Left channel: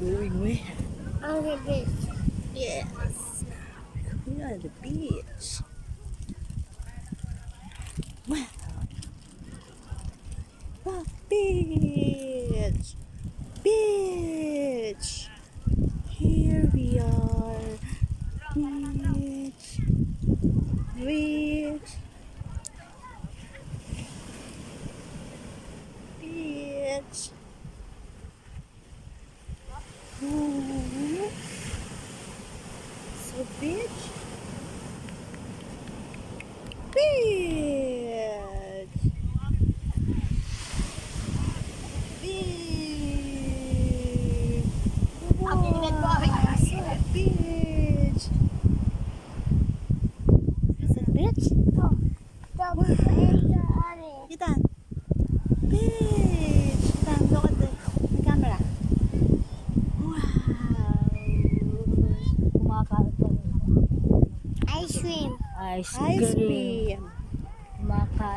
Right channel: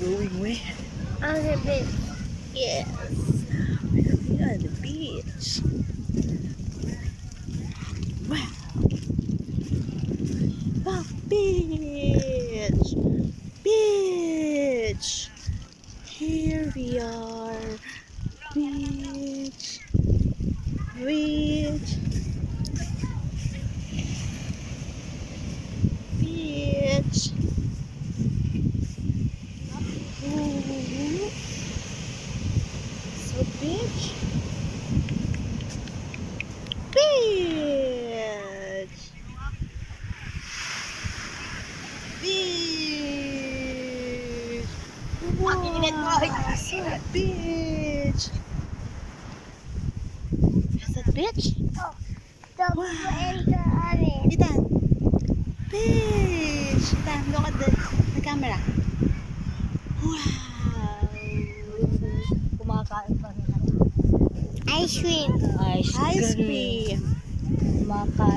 we're going where? On the beach. Yes. We're going on the beach. Wow. Wow. Beach. Beach. Here we are. Beach. Beach. Beach. Ooh. So beach. Beach. Beach. Wow. So beach. Is that beach? Oh, don't Wow. enter on it. Ethan. Beach. Ethan, look at the camera. Wow. Kumakain pa rin ako. Ice cream. Ice Ice cream. cream. Kumakain.